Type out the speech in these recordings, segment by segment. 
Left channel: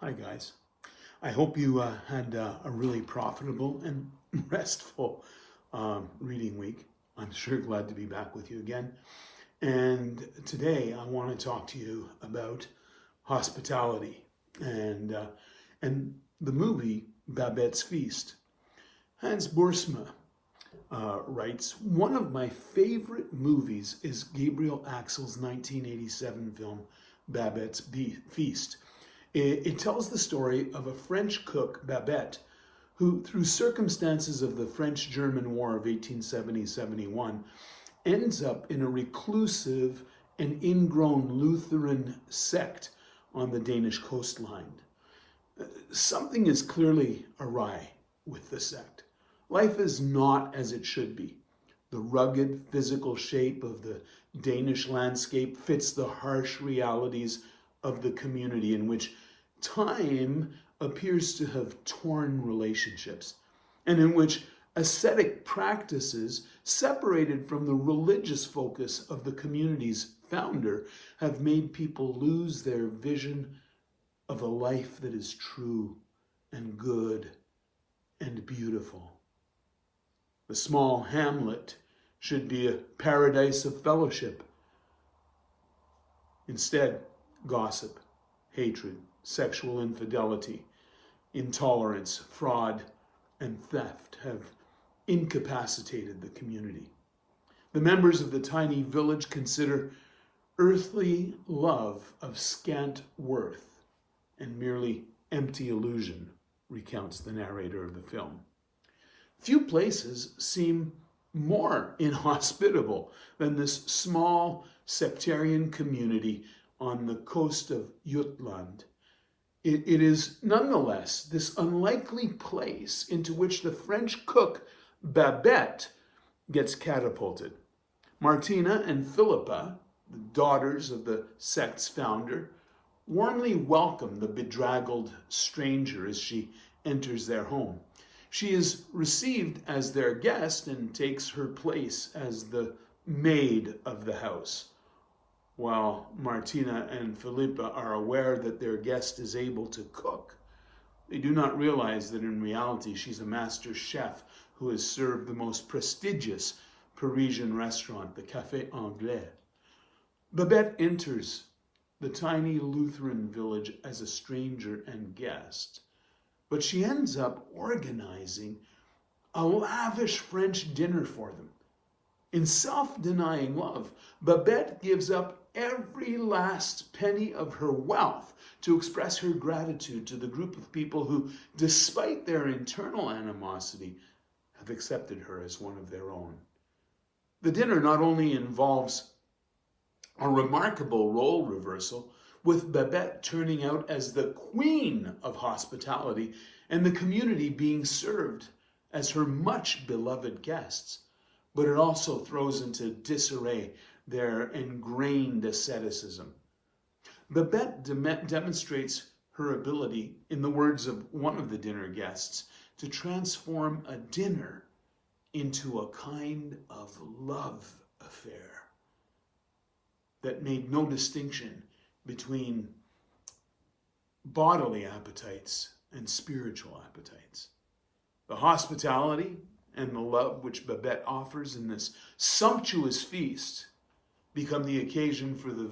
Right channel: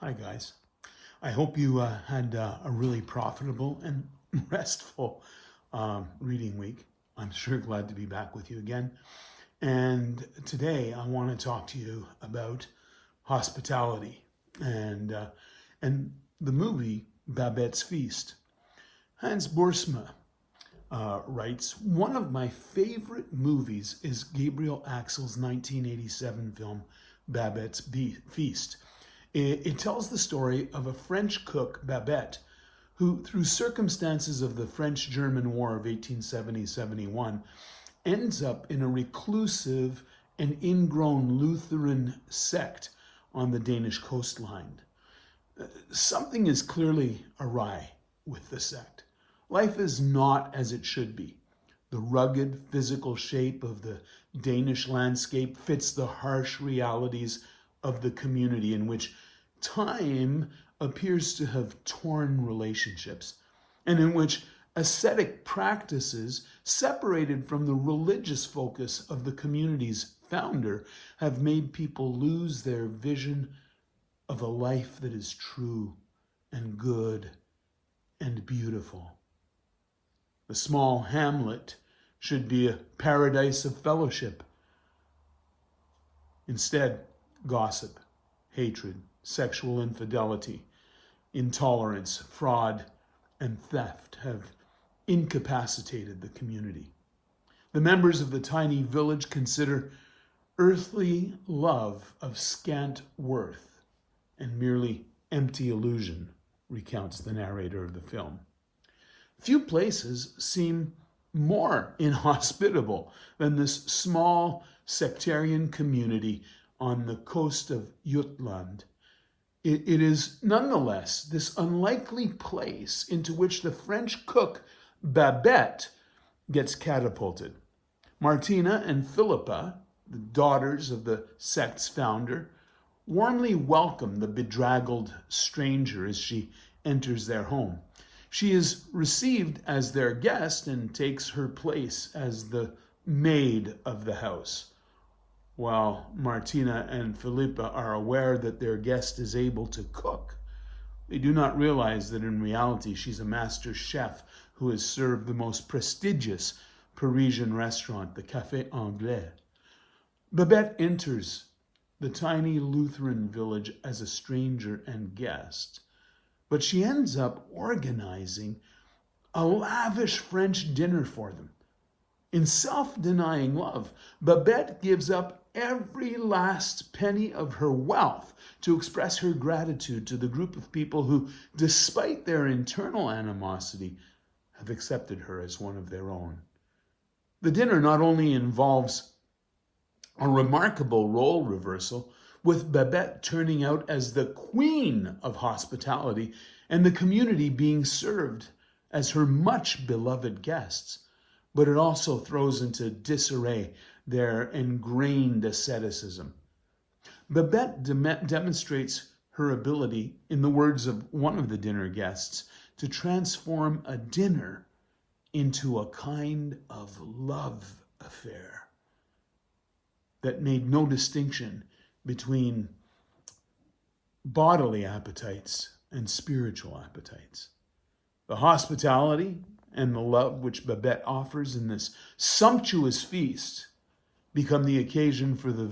Hi, guys. I hope you had a really profitable and restful reading week. I'm sure glad to be back with you again. And today I want to talk to you about hospitality and the movie Babette's Feast. Hans Boersma writes, one of my favorite movies is Gabriel Axel's 1987 film Babette's Feast. It tells the story of a French cook, Babette, who, through circumstances of the French-German War of 1870-71, ends up in a reclusive and ingrown Lutheran sect on the Danish coastline. Something is clearly awry with the sect. Life is not as it should be. The rugged physical shape of the Danish landscape fits the harsh realities of the community in which time appears to have torn relationships, and in which ascetic practices, separated from the religious focus of the community's founder, have made people lose their vision of a life that is true and good and beautiful. The small hamlet should be a paradise of fellowship. Instead, gossip, hatred, sexual infidelity, intolerance, fraud, and theft have incapacitated the community. The members of the tiny village consider earthly love of scant worth and merely empty illusion, recounts the narrator of the film. Few places seem more inhospitable than this small sectarian community on the coast of Jutland. It is nonetheless this unlikely place into which the French cook Babette gets catapulted. Martina and Philippa, the daughters of the sect's founder, warmly welcome the bedraggled stranger as she enters their home. She is received as their guest and takes her place as the maid of the house. While Martina and Philippa are aware that their guest is able to cook, they do not realize that in reality she's a master chef who has served the most prestigious Parisian restaurant, the Café Anglais. Babette enters the tiny Lutheran village as a stranger and guest, but she ends up organizing a lavish French dinner for them. In self-denying love, Babette gives up every last penny of her wealth to express her gratitude to the group of people who, despite their internal animosity, have accepted her as one of their own. The dinner not only involves a remarkable role reversal, with Babette turning out as the queen of hospitality and the community being served as her much beloved guests, but it also throws into disarray their ingrained asceticism. Babette demonstrates her ability, in the words of one of the dinner guests, to transform a dinner into a kind of love affair that made no distinction between bodily appetites and spiritual appetites. The hospitality and the love which Babette offers in this sumptuous feast become the occasion for the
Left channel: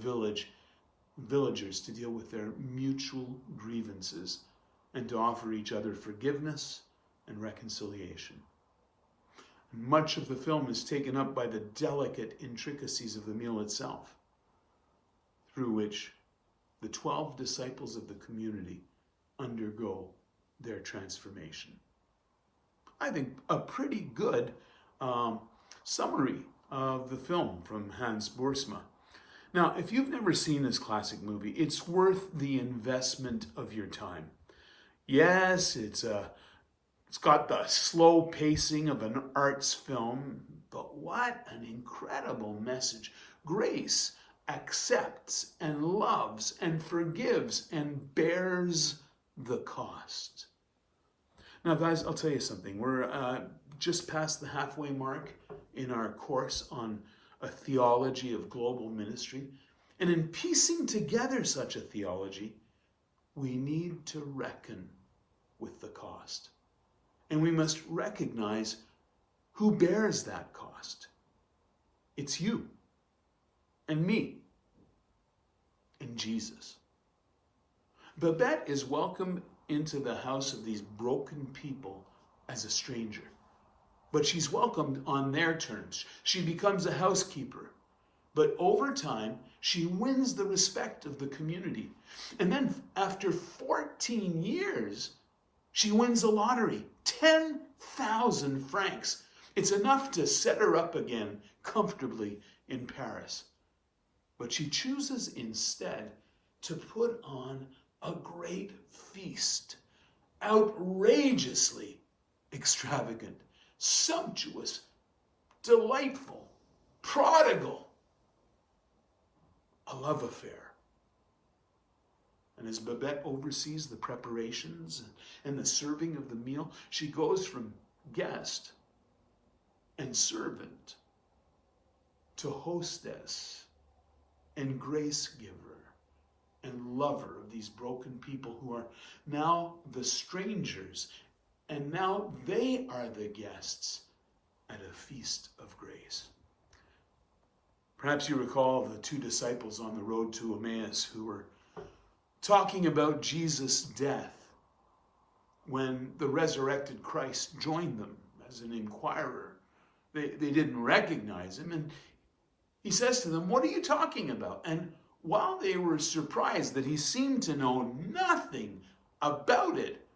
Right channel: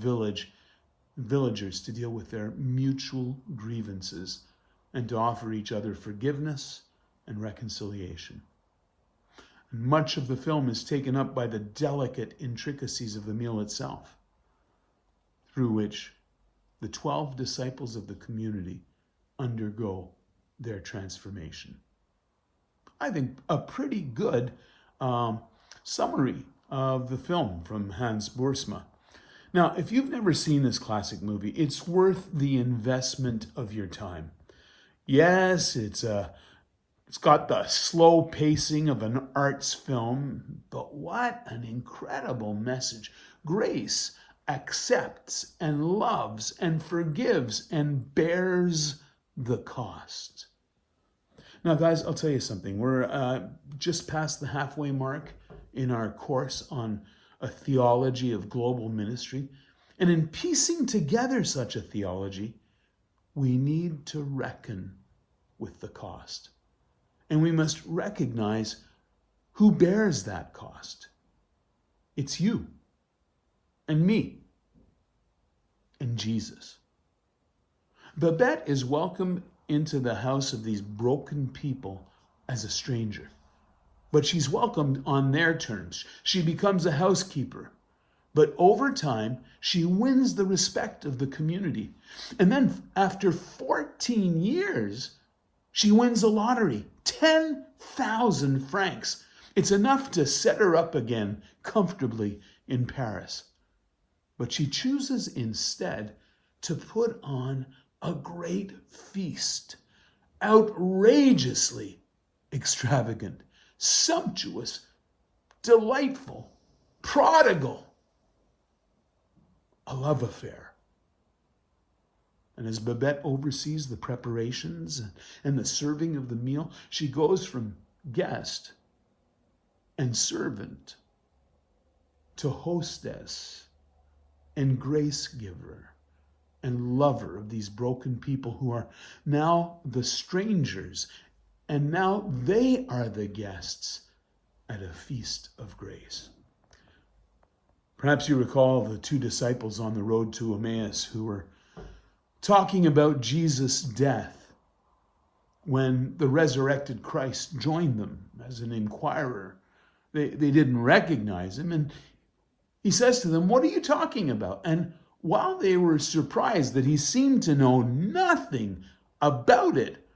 villagers to deal with their mutual grievances and to offer each other forgiveness and reconciliation. And much of the film is taken up by the delicate intricacies of the meal itself, through which the 12 disciples of the community undergo their transformation. I think a pretty good summary of the film from Hans Boersma. Now, if you've never seen this classic movie, it's worth the investment of your time. Yes, it's got the slow pacing of an arts film, but what an incredible message. Grace accepts and loves and forgives and bears the cost. Now, guys, I'll tell you something. We're just past the halfway mark in our course on a theology of global ministry. And in piecing together such a theology, we need to reckon with the cost. And we must recognize who bears that cost. It's you and me and Jesus. Babette is welcomed into the house of these broken people as a stranger. But she's welcomed on their terms. She becomes a housekeeper. But over time, she wins the respect of the community. And then after 14 years, she wins the lottery. 10,000 francs. It's enough to set her up again comfortably in Paris. But she chooses instead to put on a great feast, outrageously extravagant, sumptuous, delightful, prodigal, a love affair. And as Babette oversees the preparations and the serving of the meal, she goes from guest and servant to hostess and grace giver and lover of these broken people who are now the strangers, and now they are the guests at a feast of grace. Perhaps you recall the two disciples on the road to Emmaus who were talking about Jesus' death when the resurrected Christ joined them as an inquirer. They didn't recognize him, and he says to them, "What are you talking about?" And while they were surprised that he seemed to know nothing about it,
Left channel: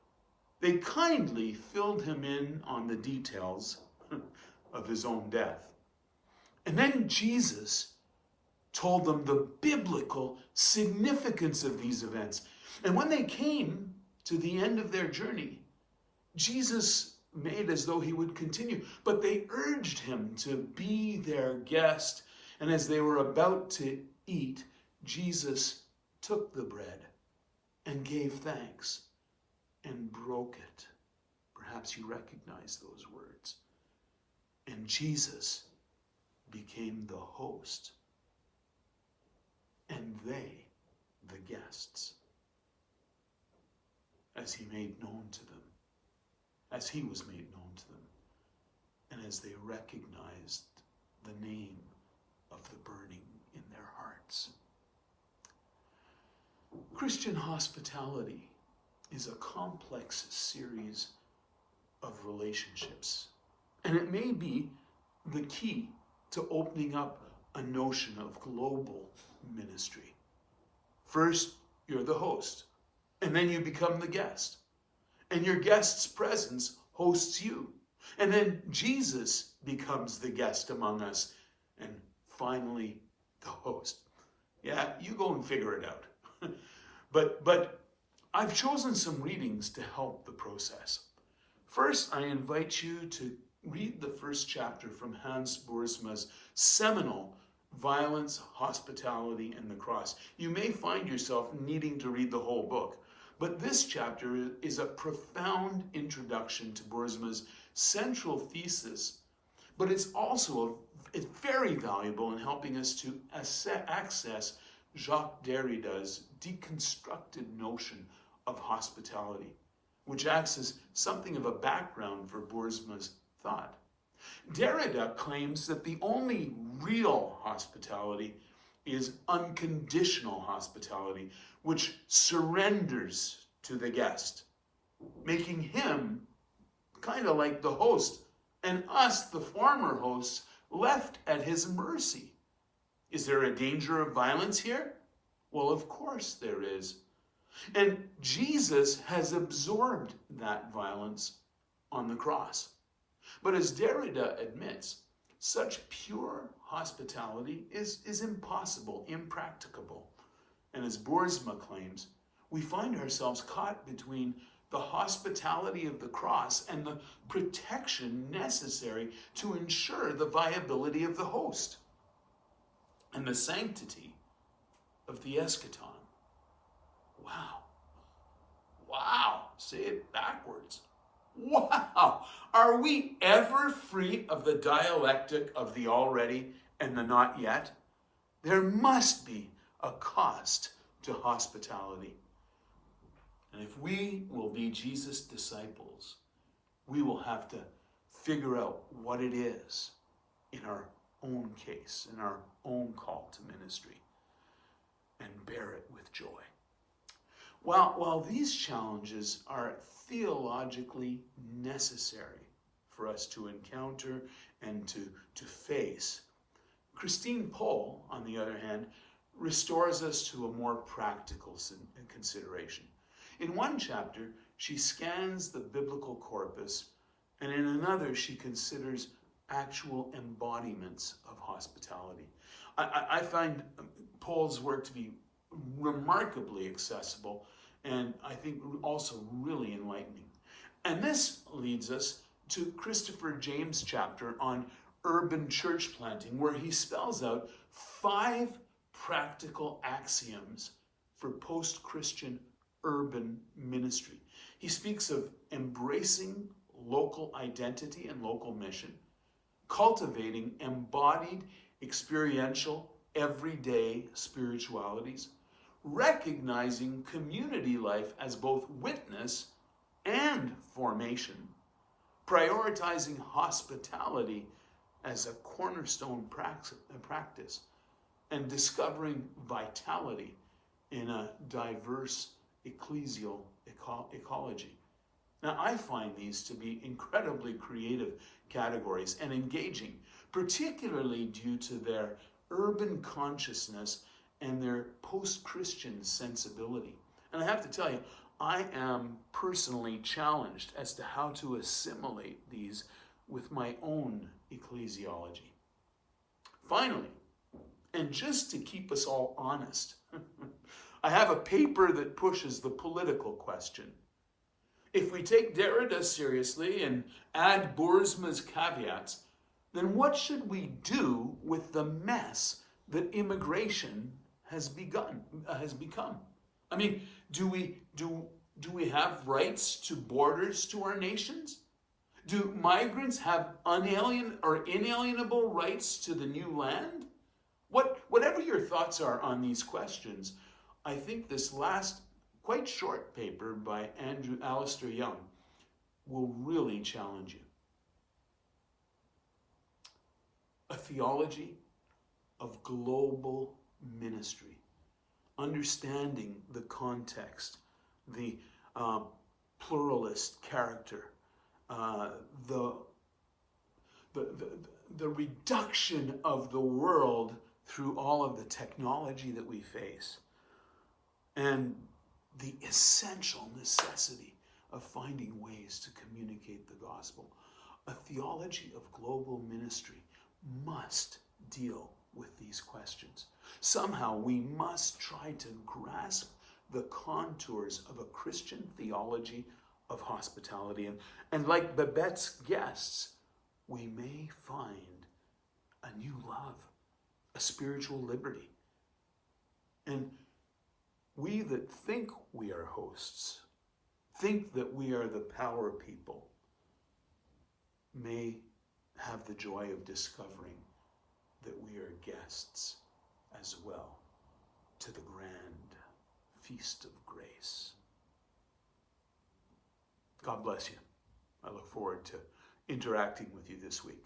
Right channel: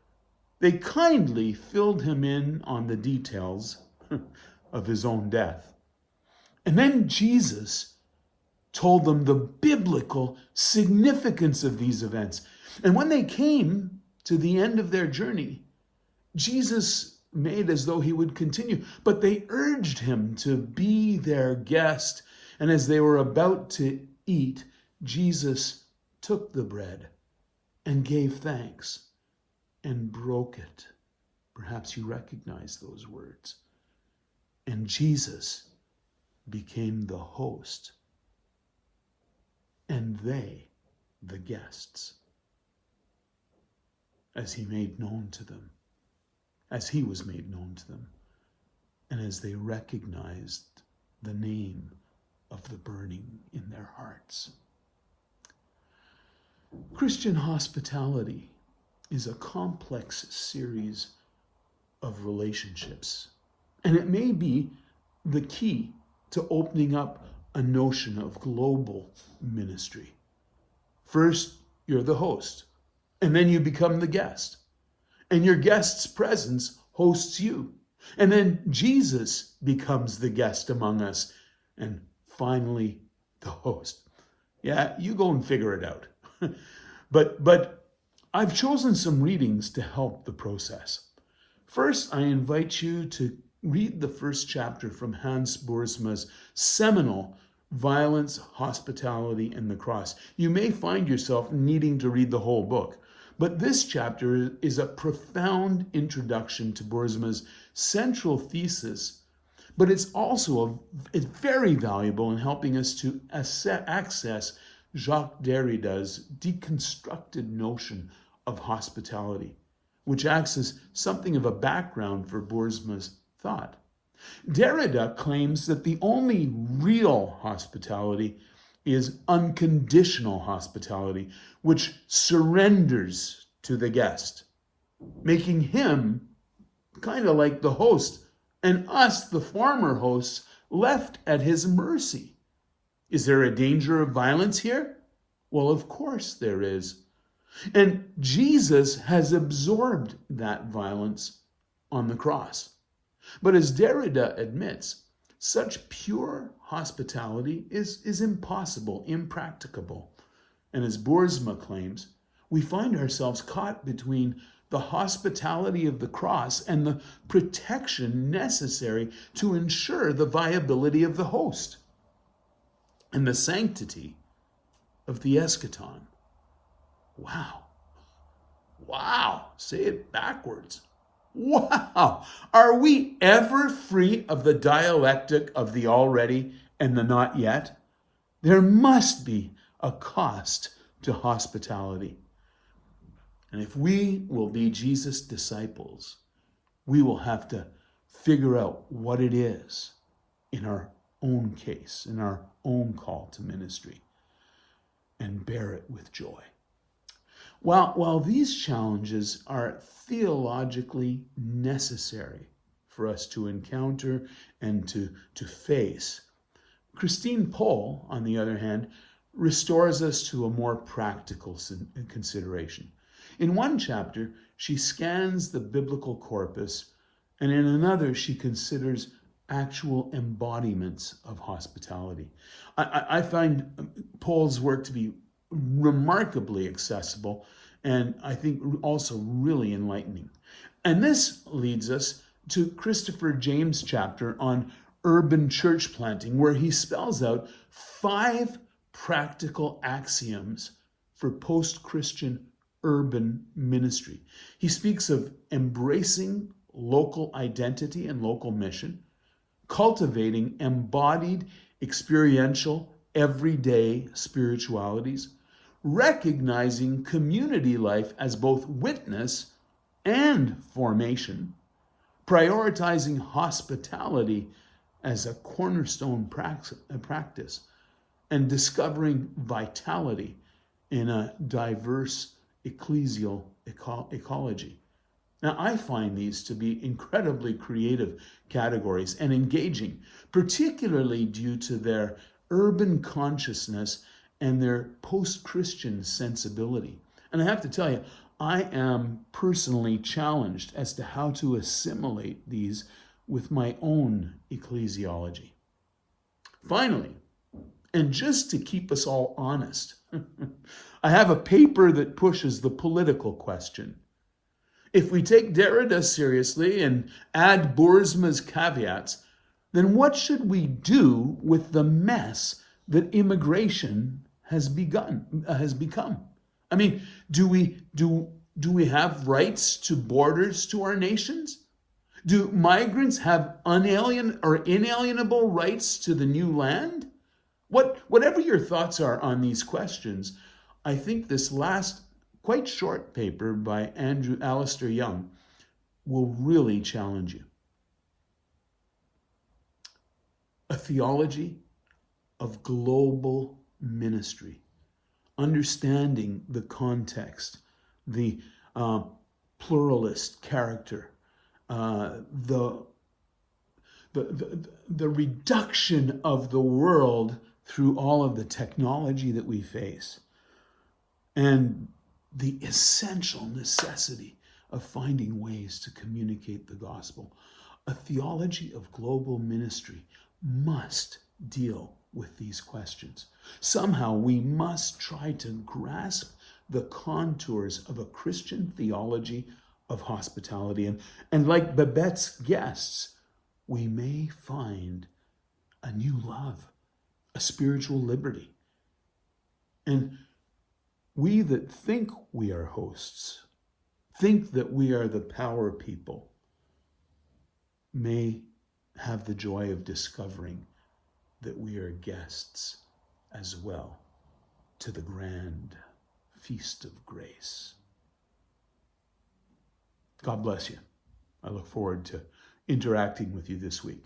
they kindly filled him in on the details of his own death. And then Jesus told them the biblical significance of these events. And when they came to the end of their journey, Jesus made as though he would continue, but they urged him to be their guest. And as they were about to eat, Jesus took the bread and gave thanks and broke it. Perhaps you recognize those words. And Jesus became the host, and they the guests, as he made known to them, as he was made known to them, and as they recognized the name of the burning in their hearts. Christian hospitality is a complex series of relationships, and it may be the key to opening up a notion of global ministry. First, you're the host, and then you become the guest, and your guest's presence hosts you, and then Jesus becomes the guest among us, and finally the host. Yeah, you go and figure it out. But I've chosen some readings to help the process. First, I invite you to read the first chapter from Hans Boersma's seminal Violence, Hospitality, and the Cross. You may find yourself needing to read the whole book, but this chapter is a profound introduction to Boersma's central thesis, but it's also very valuable in helping us to access Jacques Derrida's deconstructed notion of hospitality, which acts as something of a background for Boersma's thought. Derrida claims that the only real hospitality is unconditional hospitality, which surrenders to the guest, making him kind of like the host and us, the former hosts, left at his mercy. Is there a danger of violence here? Well, of course there is. And Jesus has absorbed that violence on the cross. But as Derrida admits, such pure hospitality is impossible, impracticable. And as Boersma claims, we find ourselves caught between the hospitality of the cross and the protection necessary to ensure the viability of the host and the sanctity of the eschaton. Wow. Wow. Say it backwards. Wow. Are we ever free of the dialectic of the already and the not yet? There must be a cost to hospitality. And if we will be Jesus' disciples, we will have to figure out what it is in our own case, in our own call to ministry, and bear it with joy. While these challenges are theologically necessary for us to encounter and to face, Christine Pohl, on the other hand, restores us to a more practical consideration. In one chapter, she scans the biblical corpus, and in another, she considers actual embodiments of hospitality. I find Pohl's work to be remarkably accessible and I think also really enlightening. And this leads us to Christopher James' chapter on urban church planting, where he spells out 5 practical axioms for post-Christian urban ministry. He speaks of embracing local identity and local mission, cultivating embodied, experiential, everyday spiritualities, recognizing community life as both witness and formation, prioritizing hospitality as a cornerstone practice, and discovering vitality in a diverse ecclesial ecology. Now, I find these to be incredibly creative categories and engaging, particularly due to their urban consciousness and their post-Christian sensibility. And I have to tell you, I am personally challenged as to how to assimilate these with my own ecclesiology. Finally, and just to keep us all honest, I have a paper that pushes the political question. If we take Derrida seriously and add Boersma's caveats, then what should we do with the mess that immigration has become? I mean, do we have rights to borders to our nations? Do migrants have inalienable rights to the new land? Whatever your thoughts are on these questions, I think this last quite short paper by Alistair Young will really challenge you. A theology of global ministry, understanding the context, the pluralist character, the reduction of the world through all of the technology that we face, and the essential necessity of finding ways to communicate the gospel. A theology of global ministry must deal with these questions. Somehow we must try to grasp the contours of a Christian theology of hospitality. And like Babette's guests, we may find a new love, a spiritual liberty. And we that think we are hosts, think that we are the power people, may have the joy of discovering that we are guests as well to the grand feast of grace. God bless you. I look forward to interacting with you this week.